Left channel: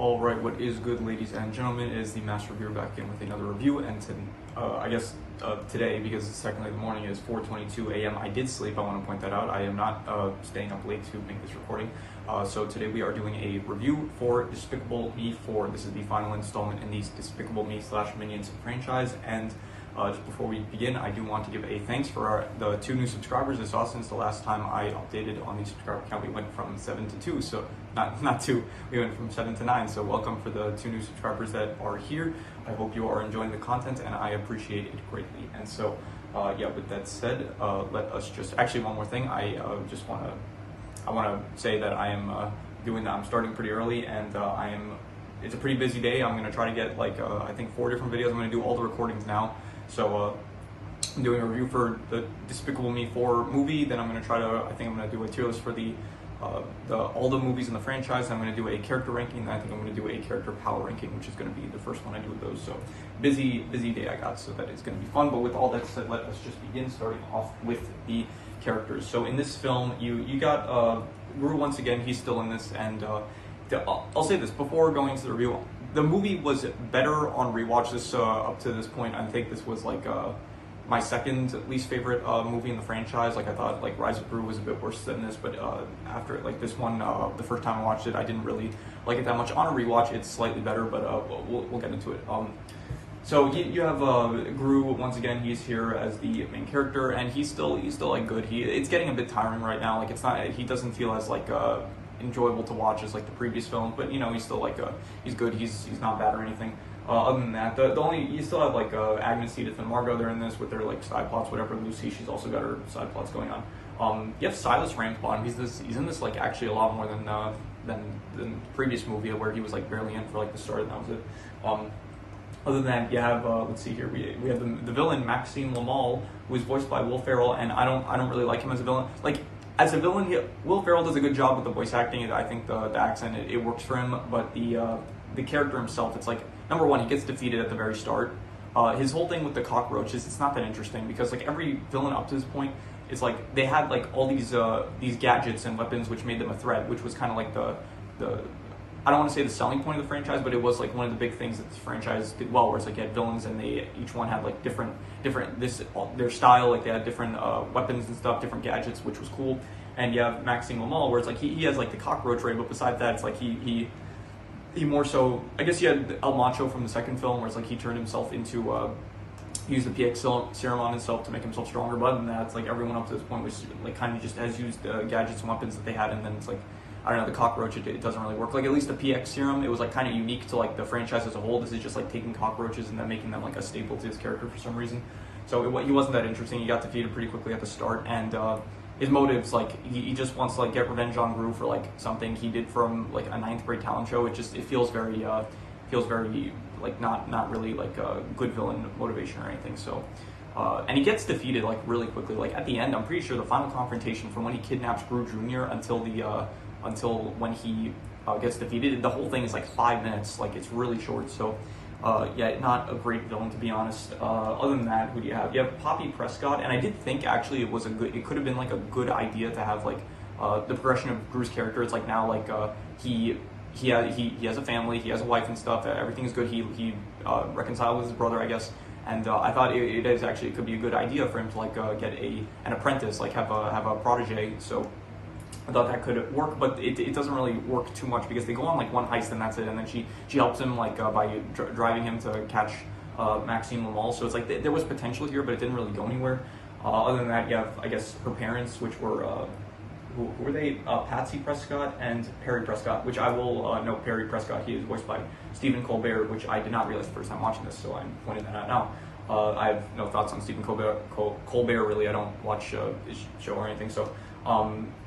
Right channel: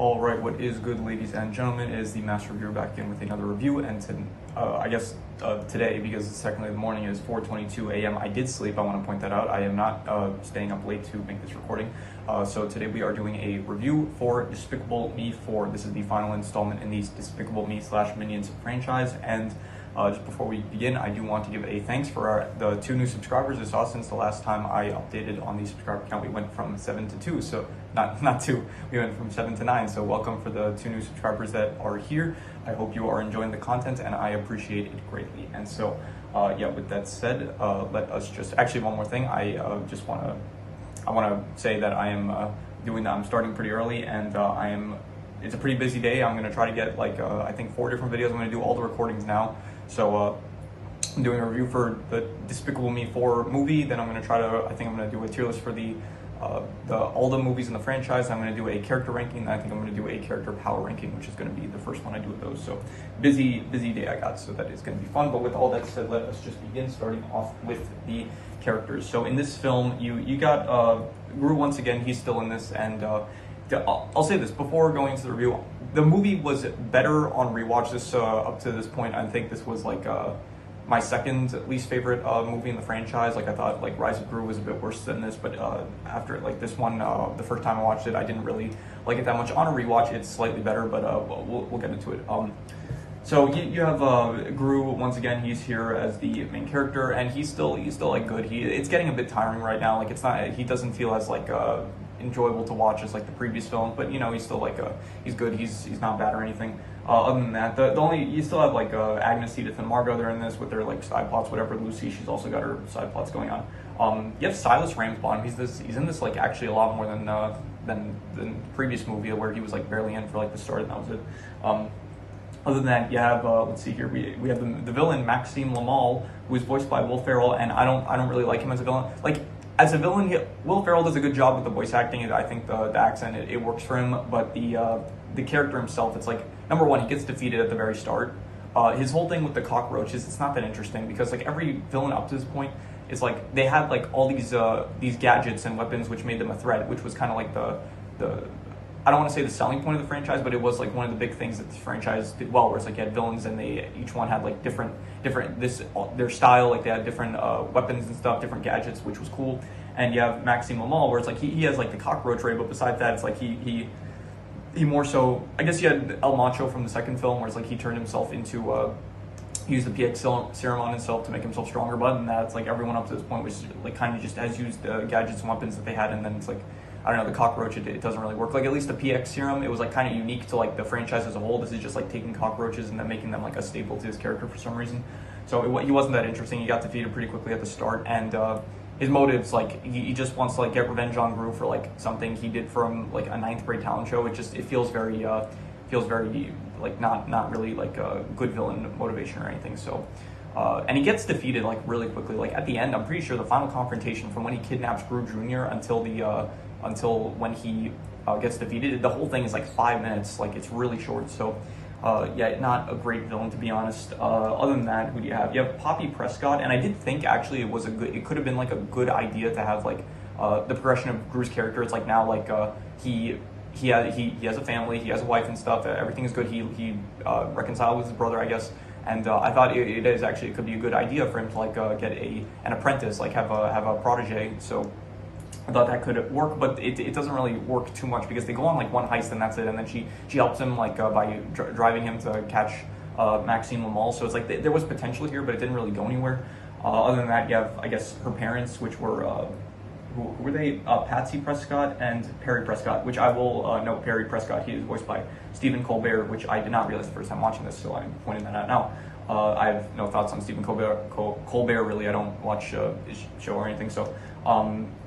All right, what is good, ladies and gentlemen? It is the Master Reviewer back in with another review, and today, because it's technically the morning, is 4:22 a.m. I did sleep. I want to point that out. I am not staying up late to make this recording. So today we are doing a review for Despicable Me 4. This is the final installment in the Despicable Me / Minions franchise, and just before we begin, I do want to give a thanks for the 2 new subscribers I saw since the last time I updated on the subscriber count. We went from 7 to 2, so not 2, we went from 7 to 9, so welcome for the 2 new subscribers that are here. I hope you are enjoying the content, and I appreciate it greatly. And so, yeah, with that said, let us just, actually one more thing, I want to say that I am I'm starting pretty early, and it's a pretty busy day. I'm going to try to get I think 4 different videos. I'm going to do all the recordings now. So I'm doing a review for the Despicable Me 4 movie. Then I'm going to I'm going to do a tier list for all the movies in the franchise. I'm going to do a character ranking. And I think I'm going to do a character power ranking, which is going to be the first one I do with those. So busy day I got, so that is going to be fun. But with all that said, let us just begin, starting off with the characters. So in this film, you got Gru once again. He's still in this, and I'll say this before going to the review. The movie was better on rewatch. This up to this point, I think this was my second least favorite movie in the franchise. I thought Rise of Gru was a bit worse than this, but after this one, the first time I watched it, I didn't really like it that much. On a rewatch, it's slightly better, but we'll get into it. So you have Gru once again. He's here as the main character, and he's still good. It's getting a bit tiring right now. He doesn't feel as enjoyable to watch as the previous films, but he's still he's good. He's not bad or anything. Other than that, you still have Agnes, Edith, and Margot. They're in this with their side plots, whatever. Lucy, she's also got her side plots going on. You have Silas Ramsbottom. He's in this actually a lot more than the previous movie, where he was barely in for the start, and that was it. Other than that, you have let's see here. We have the villain Maxime Lamal, who is voiced by Will Ferrell, and I don't really like him as a villain. As a villain, Will Ferrell does a good job with the voice acting. I think the accent it works for him, but the character himself, it's number one, he gets defeated at the very start. His whole thing with the cockroaches, it's not that interesting, because every villain up to this point is they had all these gadgets and weapons which made them a threat, which was kind of the I don't want to say the selling point of the franchise, but it was one of the big things that this franchise did well, where it's you had villains, and they each one had different their style, they had different weapons and stuff, different gadgets, which was cool. And you have Maxime Lamal, where it's he has the cockroach ray, but besides that, it's he more so, I guess you had El Macho from the second film, where it's he turned himself into used the PX serum on himself to make himself stronger. But other than that, it's everyone up to this point was kind of just has used gadgets and weapons that they had, and then it's I don't know, the cockroach, it doesn't really work. At least the PX serum, it was kind of unique to the franchise as a whole. This is just taking cockroaches and then making them a staple to his character for some reason. So he wasn't that interesting. He got defeated pretty quickly at the start, and his motives, he just wants to get revenge on Gru for something he did from a 9th grade talent show. It feels very not really a good villain motivation or anything. So and he gets defeated really quickly. At the end, I'm pretty sure the final confrontation from when he kidnaps Gru Jr. until when he gets defeated, the whole thing is 5 minutes. It's really short. So yeah, not a great villain, to be honest. Other than that, who do you have? You have Poppy Prescott, and I did think actually it could have been a good idea to have the progression of Gru's character. It's now he has a family, he has a wife and stuff. Everything is good. He reconciled with his brother, I guess. And I thought it could be a good idea for him to get an apprentice, have a protege. So I thought that could work, but it doesn't really work too much, because they go on one heist and that's it, and then she helps him by driving him to catch Maxime Lamal. So it's there was potential here, but it didn't really go anywhere. Other than that, you have, I guess, her parents, which were who were they? Patsy Prescott and Perry Prescott, which I will note. Perry Prescott, he is voiced by Stephen Colbert, which I did not realize the first time watching this, so I'm pointing that out now. I have no thoughts on Stephen Colbert really. I don't watch his show or anything. So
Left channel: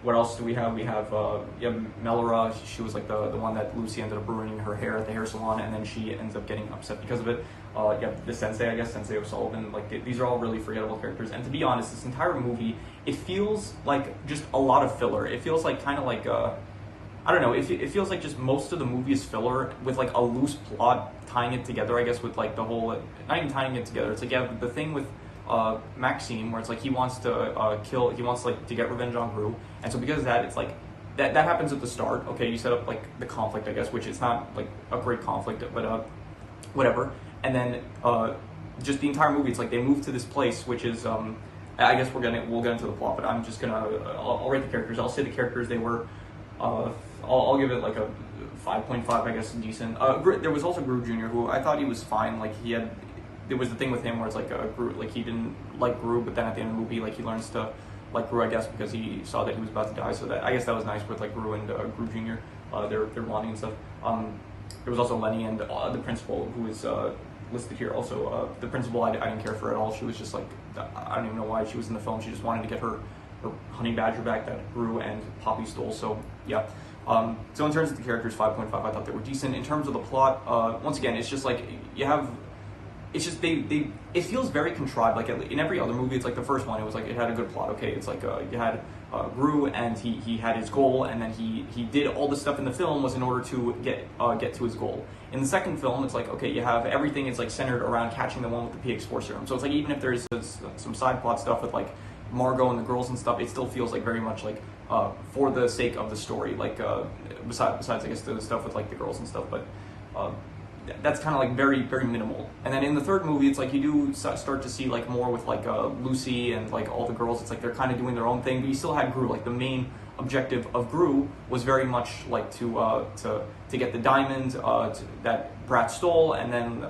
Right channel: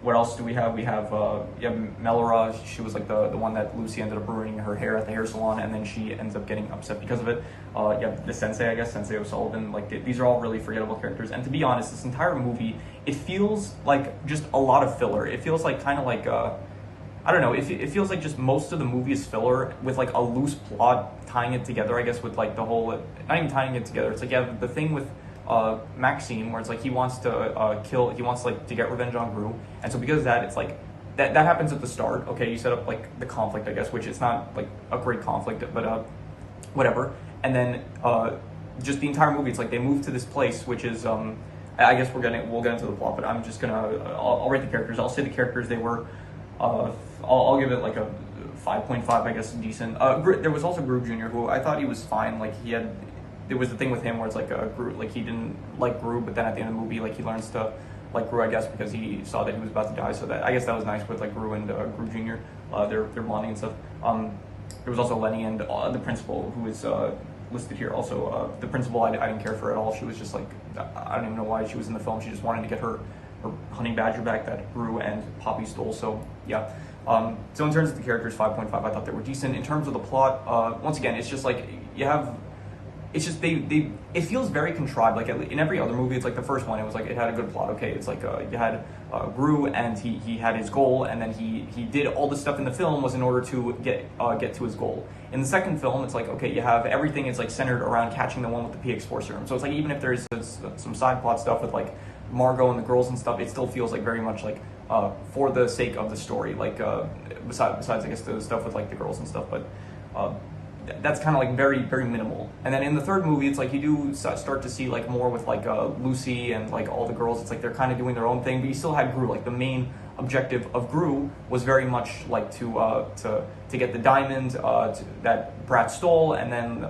what else do we have? We have Melora. She was the one that Lucy ended up ruining her hair at the hair salon, and then she ends up getting upset because of it. You have the Sensei, I guess, Sensei O'Sullivan. These are all really forgettable characters. And to be honest, this entire movie, it feels just a lot of filler. It feels kind of I don't know, it feels just most of the movie is filler with a loose plot tying it together, I guess, with the whole, not even tying it together. It's you have the thing with Maxime, where it's he wants to to get revenge on Gru, and so because of that, it's that happens at the start. Okay, you set up like the conflict, I guess, which is not like a great conflict, but whatever. And then just the entire movie, it's like they move to this place, which is I guess we'll get into the plot, but I'm just gonna I'll rate the characters. I'll say the characters, they were I'll give it like a 5.5, I guess, decent. There was also Gru Jr., who I thought he was fine. Like there was the thing with him where it's like Gru, like he didn't like Gru, but then at the end of the movie, like he learns to like Gru, I guess, because he saw that he was about to die. So that, I guess, that was nice with like Gru and Gru Jr. Their bonding and stuff. There was also Lenny and the principal, who is listed here. Also, the principal I didn't care for at all. She was just like, I don't even know why she was in the film. She just wanted to get her honey badger back that Gru and Poppy stole. So yeah. So in terms of the characters, 5.5, I thought they were decent. In terms of the plot, once again, it's just like you have. It's just it feels very contrived. Like in every other movie, it's like the first one, it was like it had a good plot. Okay, it's like you had Gru, and he had his goal, and then he did all the stuff in the film was in order to get to his goal. In the second film, it's like, okay, you have everything is like centered around catching the one with the PX4 serum. So it's like even if there's some side plot stuff with like Margot and the girls and stuff, it still feels like very much like for the sake of the story. Like besides I guess the stuff with like the girls and stuff, but. That's kind of like very, very minimal. And then in the third movie, it's like you do start to see like more with like Lucy and like all the girls. It's like they're kind of doing their own thing, but you still had Gru. Like the main objective of Gru was very much like to get the diamond that Brad stole, and then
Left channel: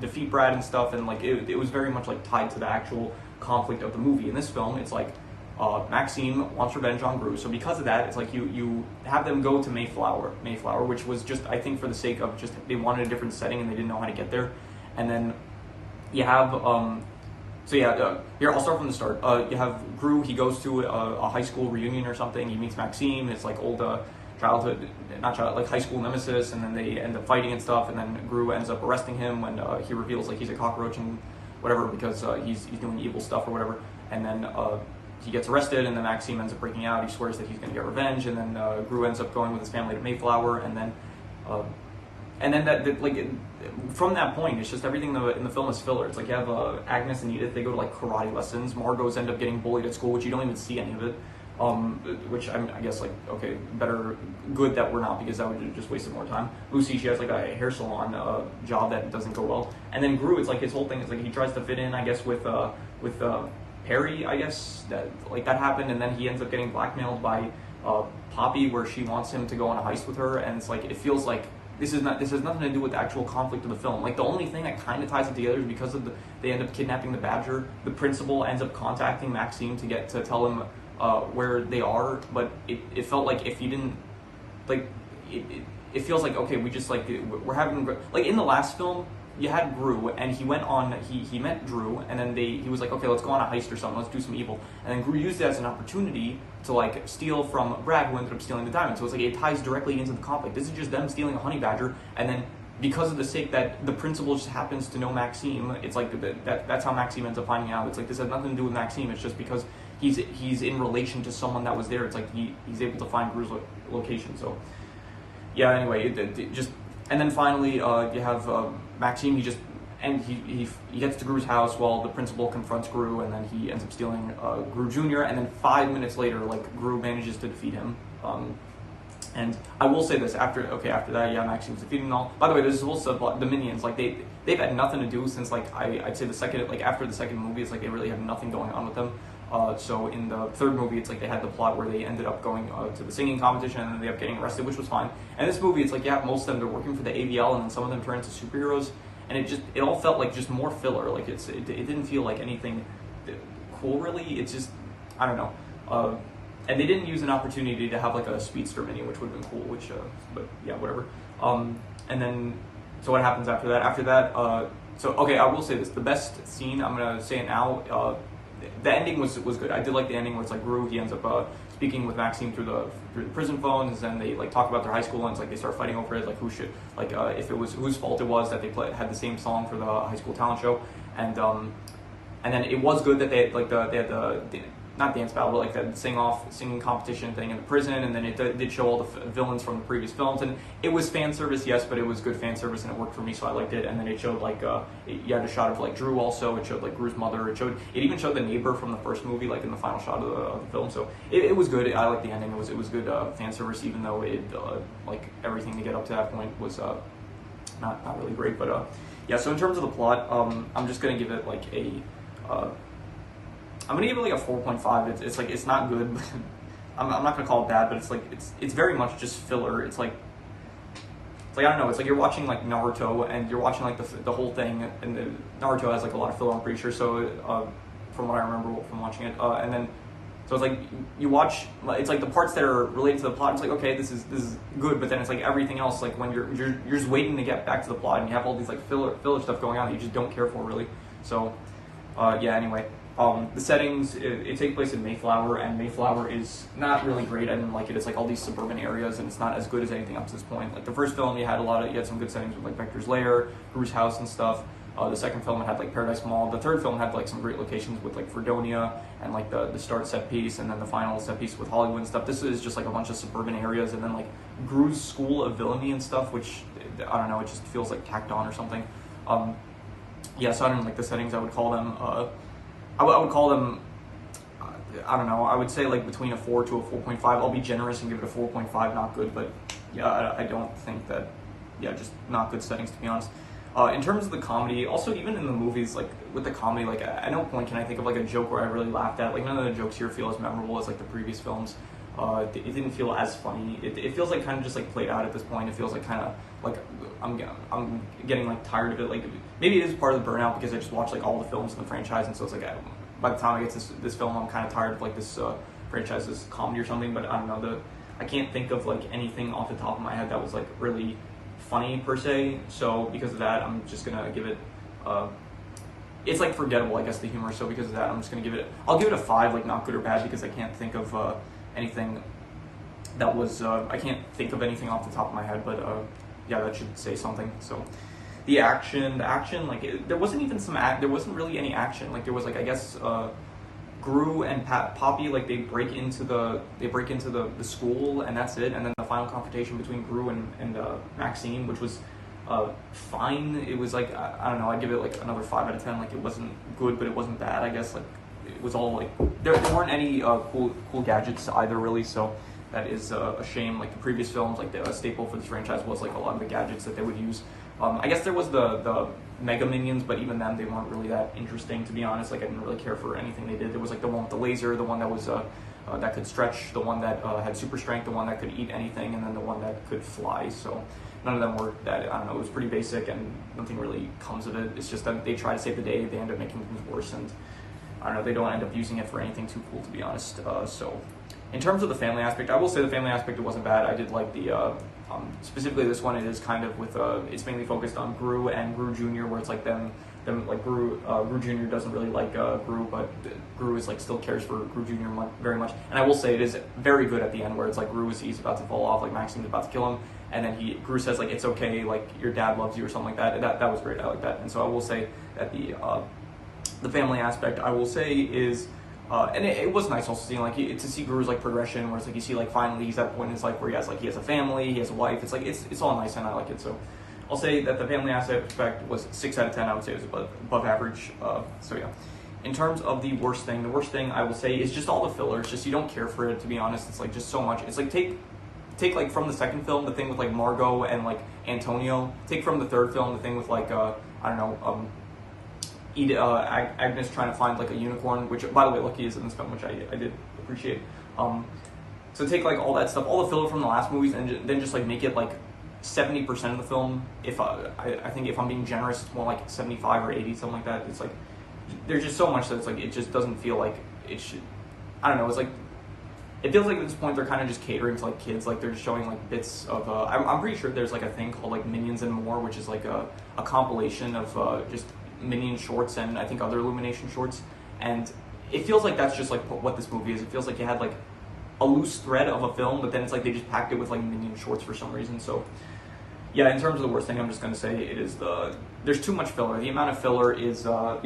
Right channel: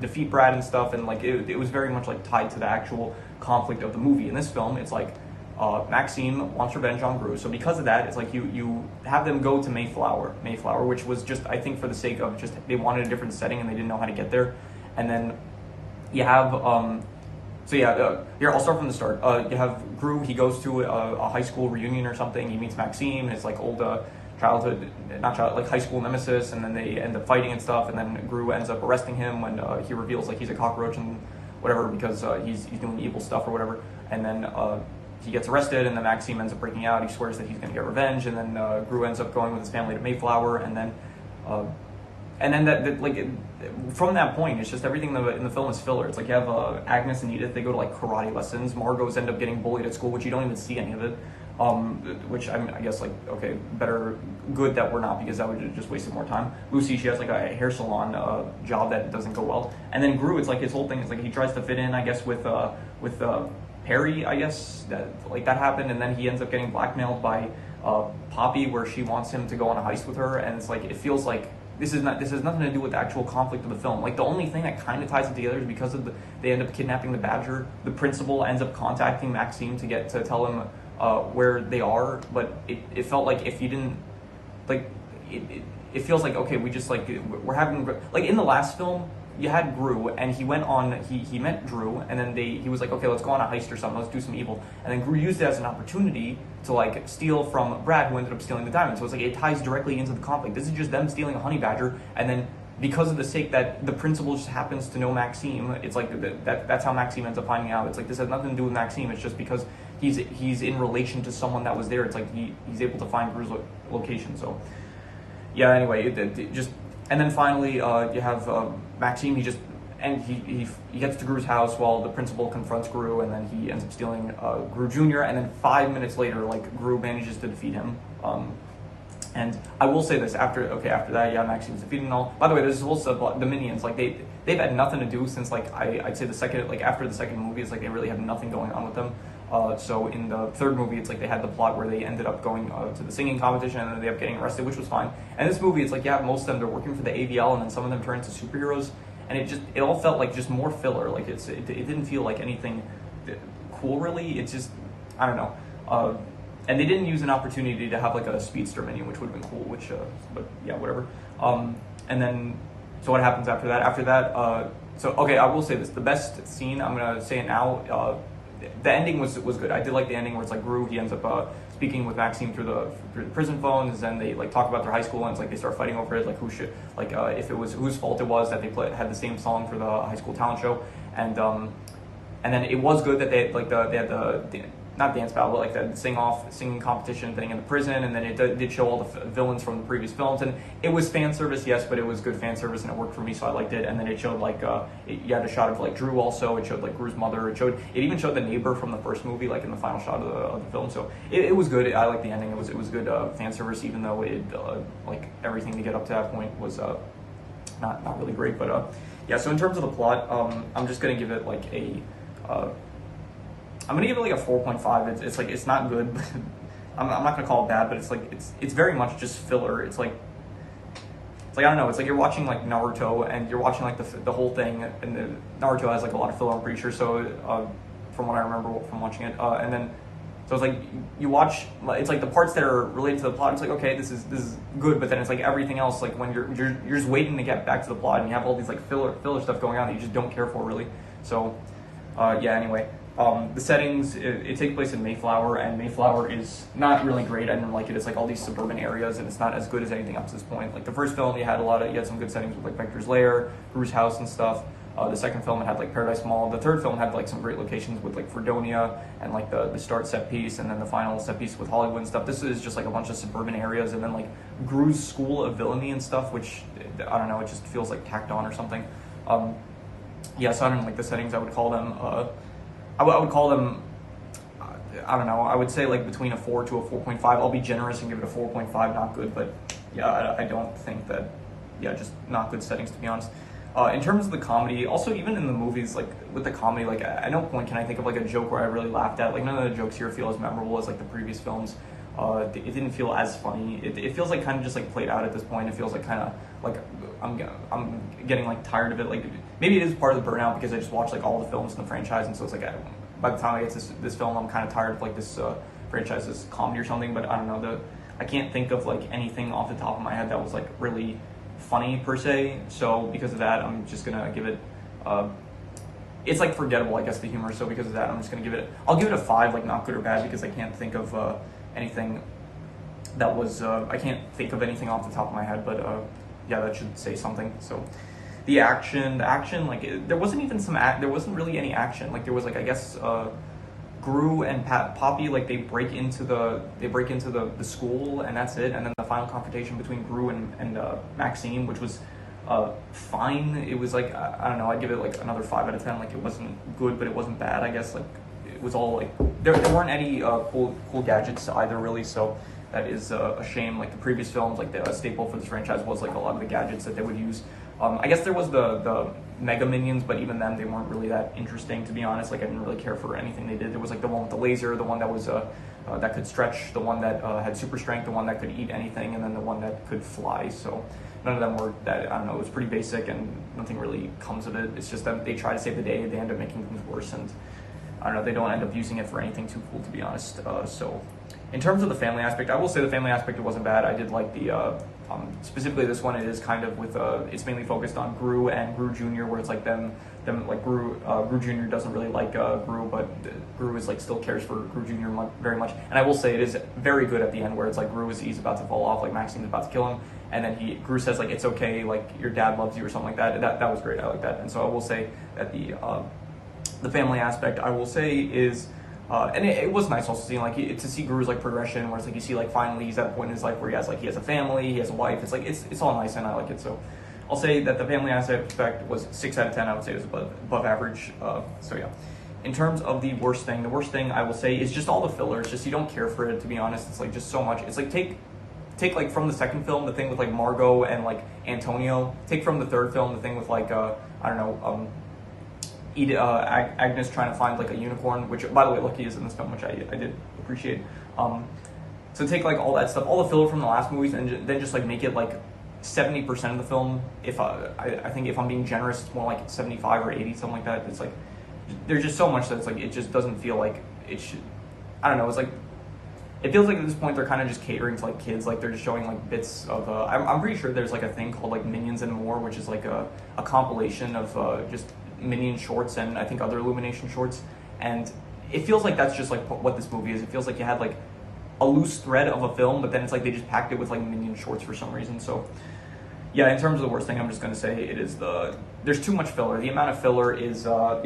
defeat Brad and stuff. And like it was very much like tied to the actual conflict of the movie. In this film, it's like Maxime wants revenge on Gru, so because of that, it's like you have them go to Mayflower, which was just, I think, for the sake of just they wanted a different setting and they didn't know how to get there. And then you have here I'll start from the start. You have Gru. He goes to a high school reunion or something. He meets Maxime. It's like old like high school nemesis, and then they end up fighting and stuff. And then Gru ends up arresting him when he reveals like he's a cockroach and whatever, because he's doing evil stuff or whatever. And then he gets arrested, and then Maxime ends up breaking out. He swears that he's going to get revenge, and then Gru ends up going with his family to Mayflower, and then from that point, it's just everything in the film is filler. It's like you have Agnes and Edith, they go to like karate lessons. Margot's end up getting bullied at school, which you don't even see any of it. Which I guess like, okay, good that we're not, because that would just wasted more time. Lucy, she has like a hair salon job that doesn't go well, and then Gru, it's like his whole thing is like he tries to fit in, I guess, with Perry, I guess, that happened, and then he ends up getting blackmailed by Poppy, where she wants him to go on a heist with her, and it's like it feels like this has nothing to do with the actual conflict of the film. Like the only thing that kind of ties it together is because of they end up kidnapping the Badger. The principal ends up contacting Maxime to tell him where they are, but it felt like if you didn't like it feels like, okay, we just like we're having like in the last film. You had Gru, and he went on, he met Drew, and then he was like, okay, let's go on a heist or something, let's do some evil. And then Gru used it as an opportunity to like steal from Brad, who ended up stealing the diamond. So it's like it ties directly into the conflict. This is just them stealing a honey badger, and then because of the sake that the principal just happens to know Maxime, it's like that's how Maxime ends up finding out. It's like this has nothing to do with Maxime, it's just because he's in relation to someone that was there. It's like he's able to find Gru's location. So yeah, anyway, it just. And then finally, you have Maxime. He gets to Gru's house while the principal confronts Gru, and then he ends up stealing Gru Jr. And then 5 minutes later, like Gru manages to defeat him. And I will say this: after that, yeah, Maxime's defeated and all. By the way, there's also the minions. Like they've had nothing to do since like I'd say after the second movie, it's like they really have nothing going on with them. So in the third movie, it's like they had the plot where they ended up going to the singing competition, and then they ended up getting arrested, which was fine. And this movie, it's like, yeah, most of them, they're working for the AVL, and then some of them turn into superheroes, and it all felt like just more filler. Like it didn't feel like anything cool, really. It's just, I don't know. And they didn't use an opportunity to have like a speedster menu, which would have been cool, but yeah, whatever. And then, so what happens after that? After that, so okay, I will say this, the best scene, I'm gonna say it now, the ending was good. I did like the ending where it's like Gru, he ends up speaking with Maxime through the prison phones, and then they like talk about their high school, and it's like they start fighting over it, like who should, like if it was whose fault it was that they had the same song for the high school talent show, and then it was good that they had not dance battle, but like the singing competition thing in the prison, and then it did show all the villains from the previous films, and it was fan service, yes, but it was good fan service, and it worked for me, so I liked it. And then it showed like you had a shot of like Drew also. It showed like Drew's mother. It even showed the neighbor from the first movie, like in the final shot of the film. So it was good. I liked the ending. It was good fan service, even though it like everything to get up to that point was not really great. But yeah. So in terms of the plot, I'm just gonna give it like a. I'm gonna give it like a 4.5. It's like, it's not good. I'm not gonna call it bad, but it's like it's very much just filler. It's like I don't know. It's like you're watching like Naruto, and you're watching like the whole thing, and the Naruto has like a lot of filler, I'm pretty sure. So from what I remember from watching it, and then so it's like you watch. It's like the parts that are related to the plot. It's like, okay, this is good, but then it's like everything else. Like when you're just waiting to get back to the plot, and you have all these like filler stuff going on that you just don't care for really. So yeah. Anyway. The settings, it takes place in Mayflower, and Mayflower is not really great. I didn't like it. It's like all these suburban areas, and it's not as good as anything up to this point. Like the first film, you had some good settings with like Vector's Lair, Gru's house and stuff. The second film, it had like Paradise Mall. The third film had like some great locations with like Fredonia and like the start set piece, and then the final set piece with Hollywood and stuff. This is just like a bunch of suburban areas, and then like Gru's school of villainy and stuff, which I don't know, it just feels like tacked on or something. Yeah, so I don't like the settings. I would call them. I would call them, I don't know, I would say like between a 4 to a 4.5. I'll be generous and give it a 4.5, not good, but yeah, I don't think that, yeah, just not good settings, to be honest. In terms of the comedy, also even in the movies, like with the comedy, like at no point can I think of like a joke where I really laughed at. Like none of the jokes here feel as memorable as like the previous films. It didn't feel as funny. It feels like kind of just like played out at this point. It feels like kind of like I'm getting like tired of it. Like maybe it is part of the burnout because I just watched like all the films in the franchise, and so it's like by the time I get to this film, I'm kind of tired of like this franchise's comedy or something. But I don't know, I can't think of like anything off the top of my head that was like really funny per se. So because of that, I'm just gonna give it. It's like forgettable, I guess, the humor. So because of that, I'm just gonna give it. I'll give it a 5, like not good or bad, because I can't think of anything that was. I can't think of anything off the top of my head, but yeah, that should say something. So the action, like there wasn't even there wasn't really any action. Like there was like, I guess, Gru and Poppy, like they break into the school, and that's it. And then the final confrontation between Gru and Maxine, which was fine. It was like, I don't know, I'd give it like another 5 out of 10. Like it wasn't good, but it wasn't bad, I guess. Like it was all like there weren't any cool gadgets either, really. So that is a shame. Like the previous films, like the staple for this franchise was like a lot of the gadgets that they would use. I guess there was the Mega Minions, but even then they weren't really that interesting, to be honest. Like I didn't really care for anything they did. There was like the one with the laser, the one that was that could stretch, the one that had super strength, the one that could eat anything, and then the one that could fly. So none of them were that, I don't know, it was pretty basic, and nothing really comes of it. It's just that they try to save the day, they end up making things worse, and I don't know, they don't end up using it for anything too cool, to be honest. So in terms of the family aspect, I will say the family aspect, it wasn't bad. I did like the, specifically this one, it is kind of with, it's mainly focused on Gru and Gru Jr., where it's like them like Gru Jr. doesn't really like Gru, but Gru is like still cares for Gru Jr. very much. And I will say it is very good at the end, where it's like he's about to fall off, like Maxine's about to kill him, and then Gru says like, it's okay, like your dad loves you or something like that. That was great. I like that. And so I will say that the family aspect, I will say, is and it was nice also seeing like to see Gru's like progression, where it's like you see like finally he's at a point in his life where he has a family, he has a wife. It's like it's all nice, and I like it. So I'll say that the family aspect was 6 out of 10. I would say it was above average. So yeah. In terms of the worst thing I will say is just all the fillers. Just you don't care for it, to be honest. It's like just so much. It's like take like from the second film the thing with like Margot and like Antonio. Take from the third film the thing with like I don't know, Agnes trying to find like a unicorn, which by the way Lucky is in this film, which I did appreciate. So take like all that stuff, all the filler from the last movies, and then just like make it like 70% of the film. If I think if I'm being generous, it's more like 75 or 80, something like that. It's like there's just so much that it's like it just doesn't feel like it should. I don't know. It's like it feels like at this point they're kind of just catering to like kids. Like they're just showing like bits of. I'm pretty sure there's like a thing called like Minions and More, which is like a compilation of just Minion shorts and I think other Illumination shorts, and it feels like that's just like what this movie is. It feels like you had like a loose thread of a film, but then it's like they just packed it with like Minion shorts for some reason. So yeah, in terms of the worst thing, I'm just gonna say it is there's too much filler. The amount of filler is I'll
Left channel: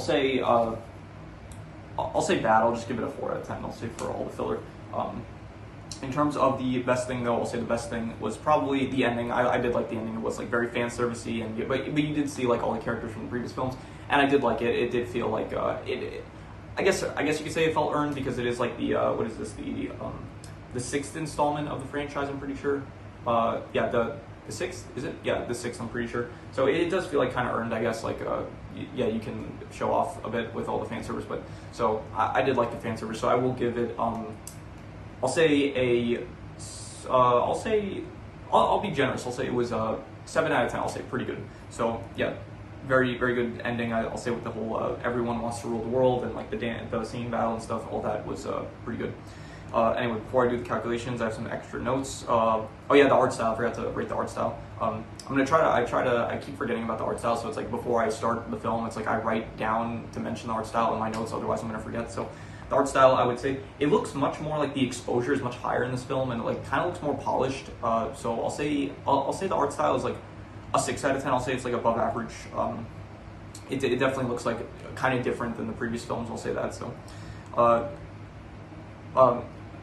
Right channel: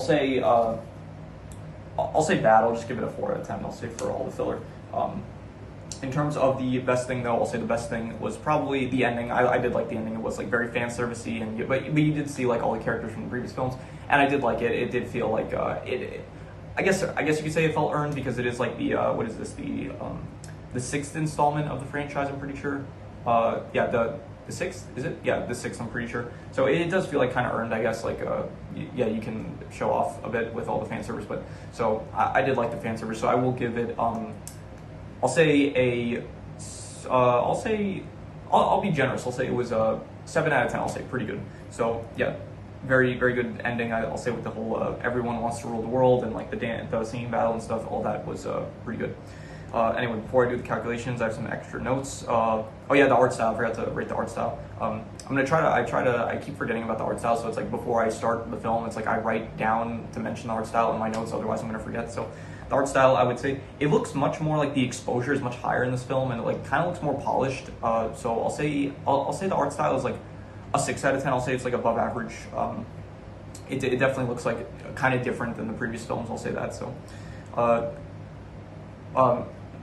say I'll say bad. I'll just give it a 4 out of 10. I'll say for all the filler. In terms of the best thing, though, I'll say the best thing was probably the ending. I did like the ending. It was like very fan servicey, and but you did see like all the characters from the previous films, and I did like it. It did feel like I guess you could say it felt earned because it is like the what is this, the sixth installment of the franchise. I'm pretty sure. Yeah, the sixth, is it? Yeah, the sixth. I'm pretty sure. So it does feel like kind of earned, I guess. Like yeah, you can show off a bit with all the fan service, but so I did like the fan service. So I will give it I'll say I'll be generous. I'll say it was a 7 out of 10. I'll say pretty good. So yeah, very good ending. I'll say with the whole everyone wants to rule the world and like the singing battle and stuff. All that was pretty good. Anyway, before I do the calculations, I have some extra notes. Oh yeah, the art style. I forgot to rate the art style. I'm gonna I keep forgetting about the art style. So it's like before I start the film, it's like I write down to mention the art style in my notes. Otherwise, I'm gonna forget. So. The art style, I would say, it looks much more like the exposure is much higher in this film, and it like kind of looks more polished. So I'll say the art style is like a 6 out of 10. I'll say it's like above average. It definitely looks like kind of different than the previous films. I'll say that. So,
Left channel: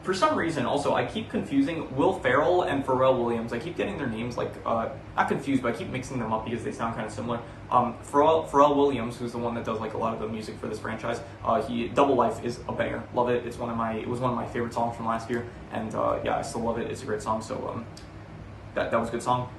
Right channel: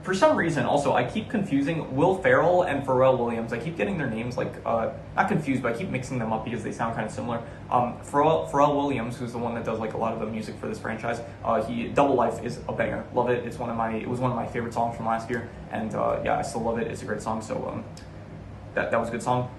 for some reason, also I keep confusing Will Ferrell and Pharrell Williams. I keep getting their names like not confused, but I keep mixing them up because they sound kind of similar. Pharrell Williams, who's the one that does like a lot of the music for this franchise, Double Life is a banger. Love it. It was one of my favorite songs from last year, and yeah, I still love it. It's a great song. So that was a good song.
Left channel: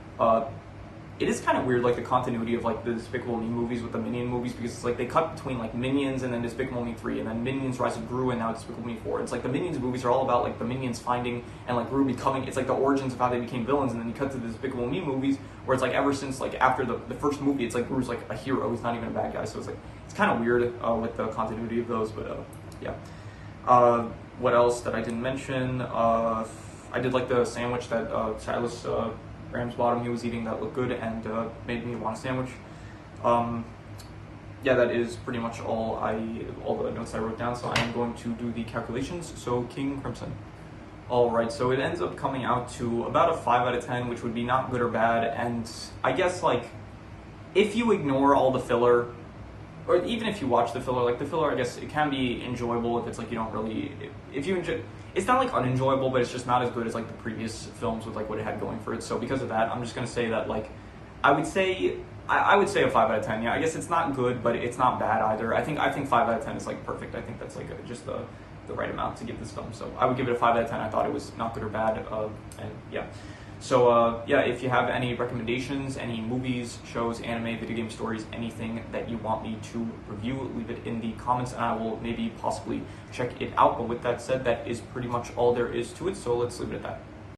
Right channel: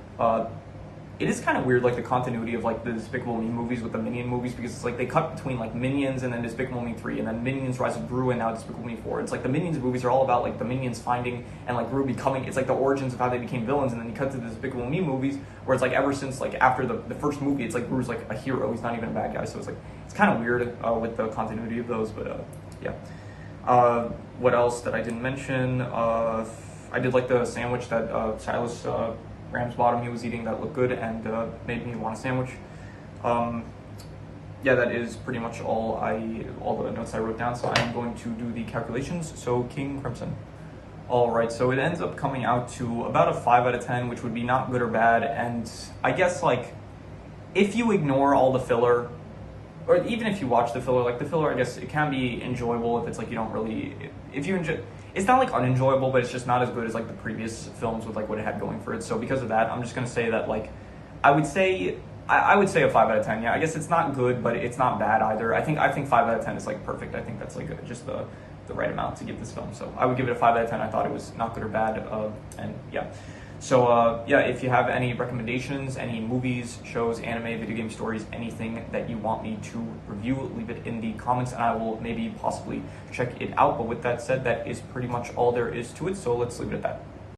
It is kind of weird, like the continuity of like the Despicable Me movies with the Minion movies, because it's like they cut between like Minions and then Despicable Me 3 and then Minions Rise of Gru and now Despicable Me 4. It's like the Minions movies are all about like the Minions finding and like Gru becoming, it's like the origins of how they became villains, and then you cut to the Despicable Me movies where it's like ever since like after the first movie, it's like Gru's like a hero, he's not even a bad guy. So it's like, it's kind of weird with the continuity of those, but yeah. What else that I didn't mention? I did like the sandwich that Silas Ramsbottom he was eating that looked good and made me want a sandwich. Yeah, that is pretty much all the notes I wrote down. So I am going to do the calculations. So King Crimson. All right, so it ends up coming out to about a 5 out of 10, which would be not good or bad. And I guess like if you ignore all the filler, or even if you watch the filler, like the filler, I guess it can be enjoyable if it's like you don't really, if you enjoy. It's not like unenjoyable, but it's just not as good as like the previous films with like what it had going for it. So because of that, I'm just gonna say that like I would say a 5 out of 10. Yeah, I guess it's not good, but it's not bad either. I think 5 out of 10 is like perfect. I think that's like just the right amount to give this film. So I would give it a 5 out of 10. I thought it was not good or bad, and yeah. So yeah, if you have any recommendations, any movies, shows, anime, video game stories, anything that you want me to review, leave it in the comments and I will maybe possibly check it out. But with that said, that is pretty much all there is to it. So let's leave it at that.